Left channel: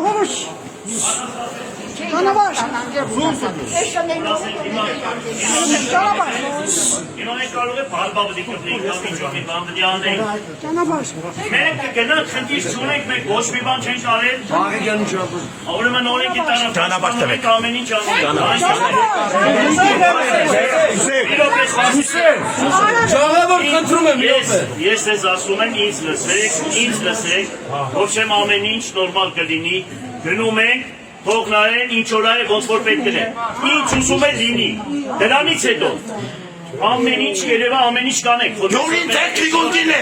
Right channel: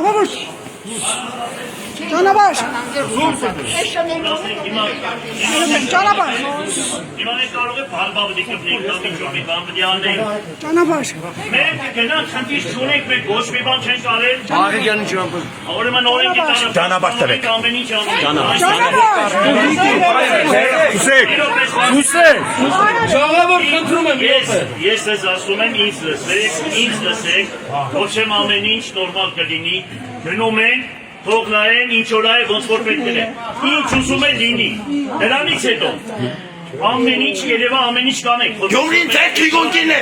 Ժողովուրդ, ճանապարհ, Իրանե կարող է բալբալդի կպնիկ, կապիչոնի բանդդիաներ։ ճանապարհ, Մենք գնանք խնդիր չունենք, մենք ոչ մի բան չենք արել։ Աղը գերն չի ողում։ Ուրեմն օրենք Ճանապարհ տվեք։ ամեն ինչ անենք։ Հուսեն, ժողովուրդ խնդրում եմ յոթ է։ Ես ես ասում եմ ինձ լսեք, ոչ եմ ամեն ինչ նորմալ կլինի, գնում ենք, թող նայեն, ինչ օրա է, ոնց որ պետք է։ Ինչ ուզում է լինի, դրանից հետո ամեն ինչ երևա ամեն ինչ կանենք։ Գյումրին ձեր քիգունքին է։